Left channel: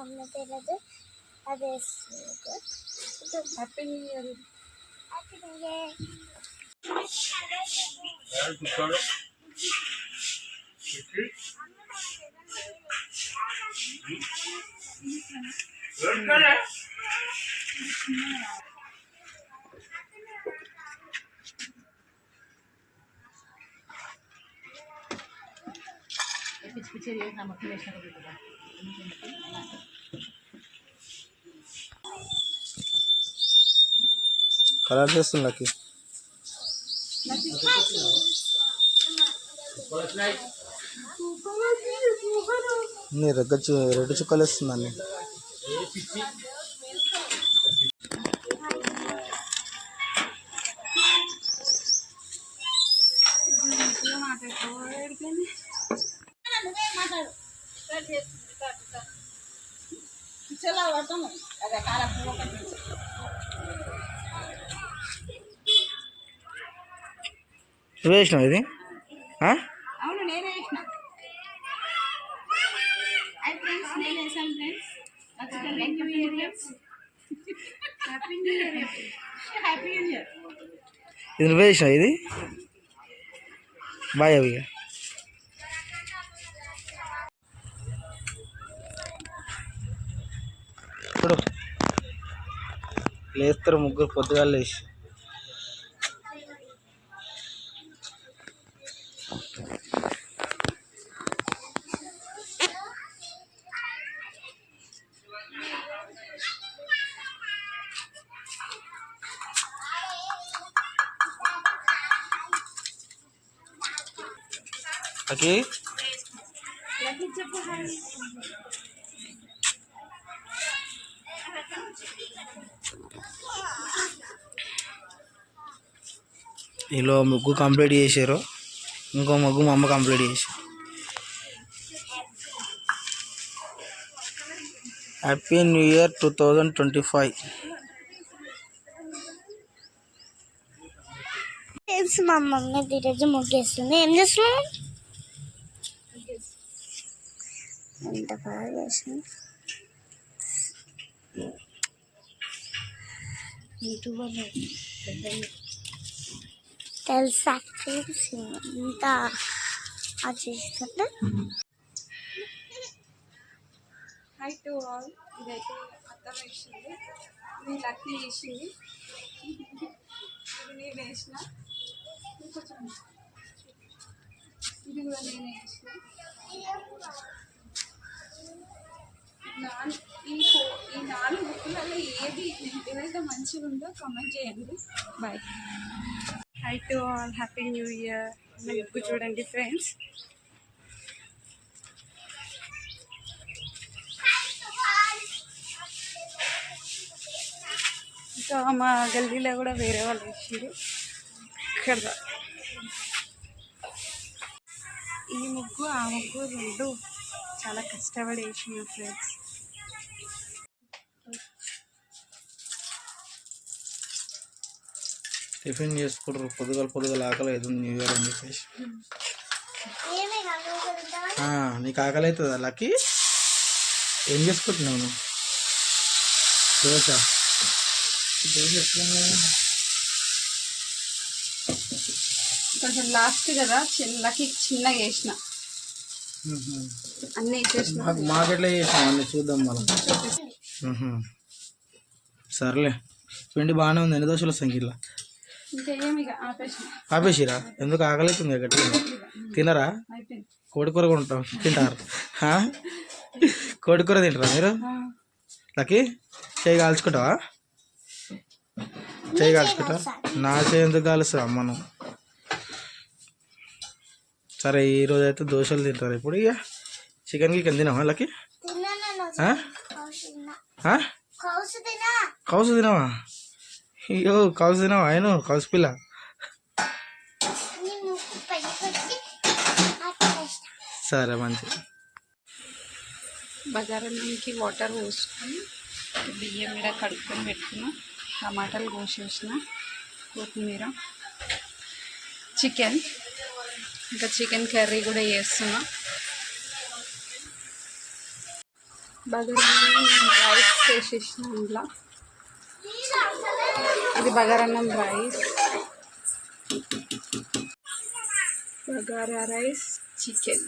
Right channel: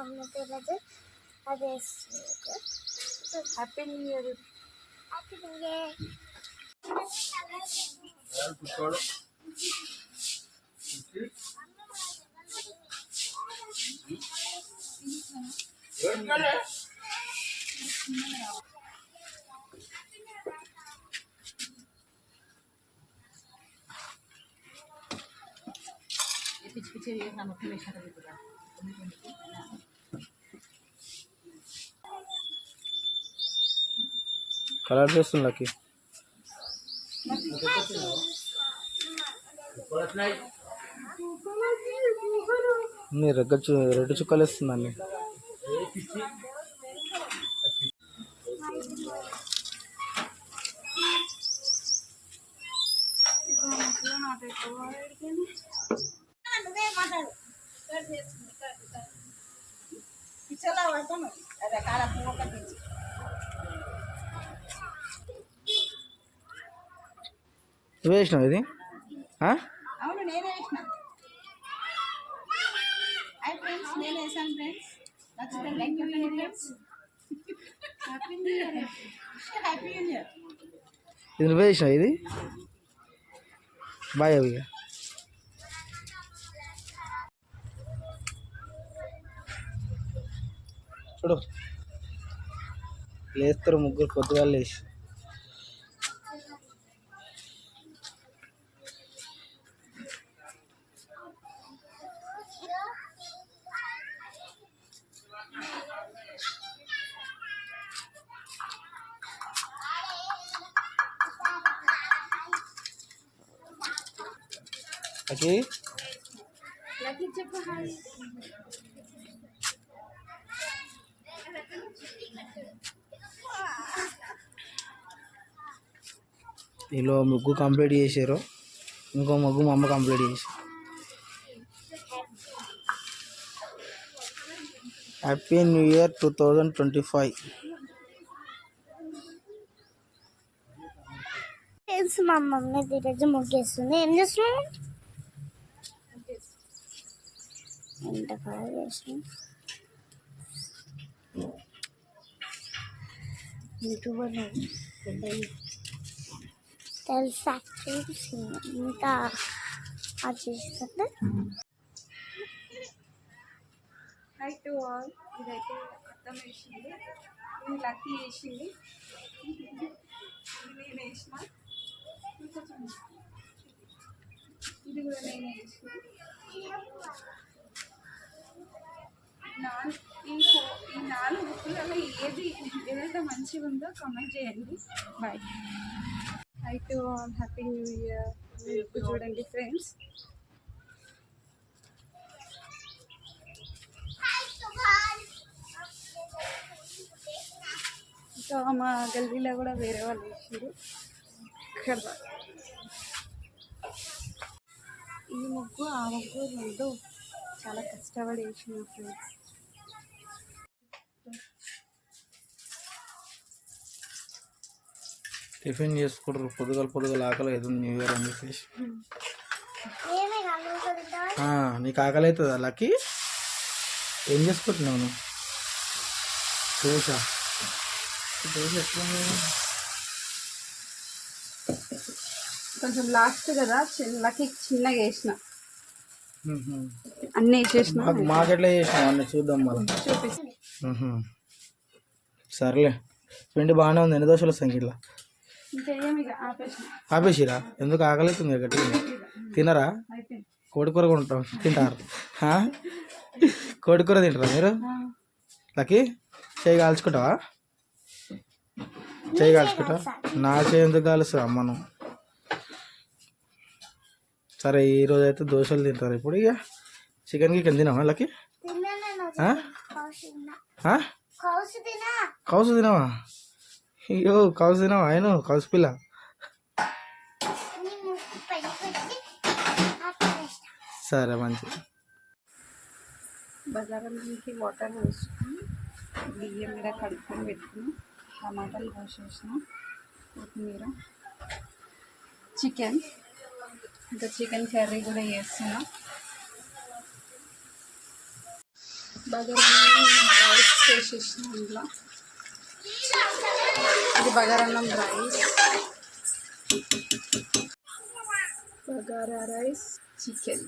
Mummy తెలియదు అది వేస్తుంది happy new year happy new year పిచ్చి పిచ్చి చేసిన మొత్తం వేసిన కలర్ చేస్తుంది లక్కి. రెగ్గ చు రెడ్ చుక్కలు వేస్తుందండి పిచ్చలా పడతాను. అదే కార పువ్వు కట్టించు నువ్వు వేసినావు ఇది? అవును నేనే వేసిన. ఫ్రెండ్స్ నేను వేసాను ఫ్రెండ్స్ ఇది నువ్వు వేసినావు ఇది? బాయ్ అవి. ఇప్పుడు లేస్తారు ముగ్గురు పొద్దుగా లేచి ఓకే. చెప్పు వీళ్ళు ముగ్గు కంప్లీట్ చేశారు. ఇంకో ముగ్గు మా అమ్మ కంప్లీట్ చేశారు happy new year two thousand twenty five మా మమ్మీ ఈరోజు ముగ్గేస్తుంది. ఏం చేస్తున్నాం ఎంత బాగా చేస్తుంది యూట్యూబర్ తెలుసా? ఫ్రెండ్స్ ఇంత చేస్తుంటే హై టు ఆల్ ఇదైతే అర్థం వేసింది ఇది లక్కీ వేసింది ఇది నేను వేసిన ఇది కూడా నేనే వేసిన నాన్ ఈ ఫో ఈ నాలుగు ఏది ఏదైతే మంచిగా ఉందో కామెంట్ చేయండి. Bye hi to all happy new year book చూడండి ఫ్రెండ్స్ ఇంకా మా గల్లీలో కూడా వేరే వాళ్ళు వేసారు ఇక్కడ. ఈ ముగ్గు ఆ ముగ్గు రెండు చాలా కష్టపడి వేసిన ఫ్రెండ్స్ టిఫిన్ చేసుకుంటారు పొద్దుగల పొద్దుగల ఆకలి అవుతుంది న్యూ ఇయర్ అని చెప్పేసి. నీకు ఆకలి అవుతుందా లక్కీ? ఏం చేసుకుంటున్నావు నువ్వు? దోశ. దోశ ఎట్లుంది? కొంచెం లాస్ట్ కదా చిన్నకి చిన్నగా వేసిన. అన్నీ వేసేసిన మాకు మాకెట్లా చేసినావు? అన్నీ చూద్దాం మళ్ళీ. సర్లే. పిండి బాగానే ఉంది. ఎన్ని దోశలు వస్తాయి ఆపేసిరా? ఎందుకు అవుతుంది గట్టిగా? తినరా? కోడికూర కొంటాం. తింటారు? కోడికూర తింటారా మీరు? ఆ, లక్కీ చేయి కాల్చుకుంటావా? చేయి కాల్చుకుంటావా? నా చేయి ఎందుకు కాలుస్తా మనం సరే ఈరోజు అయితే దోశలు తింటారు ఇప్పుడు ఇక. చికెన్ గికెన్ తినావా తిన్నా. కౌసు తినావా? అయ్యో కౌసు తినావా? ఆయన కౌసు పిల్ల సరే మంచిది బజారానికి వాటర్ పోసుకొని బియ్యం మీద కడుక్కొని పెట్టుకున్నా టమాటాలు కోసేసిన కొత్తిమీర చికెన్ ఇంకా చికెన్ కర్రీ కూడా చేస్తున్నా. బగారన్నం రైస్ చేసేసిన ఇంట్లో ఇది బగారన్నం రైస్. Bagara rice chicken.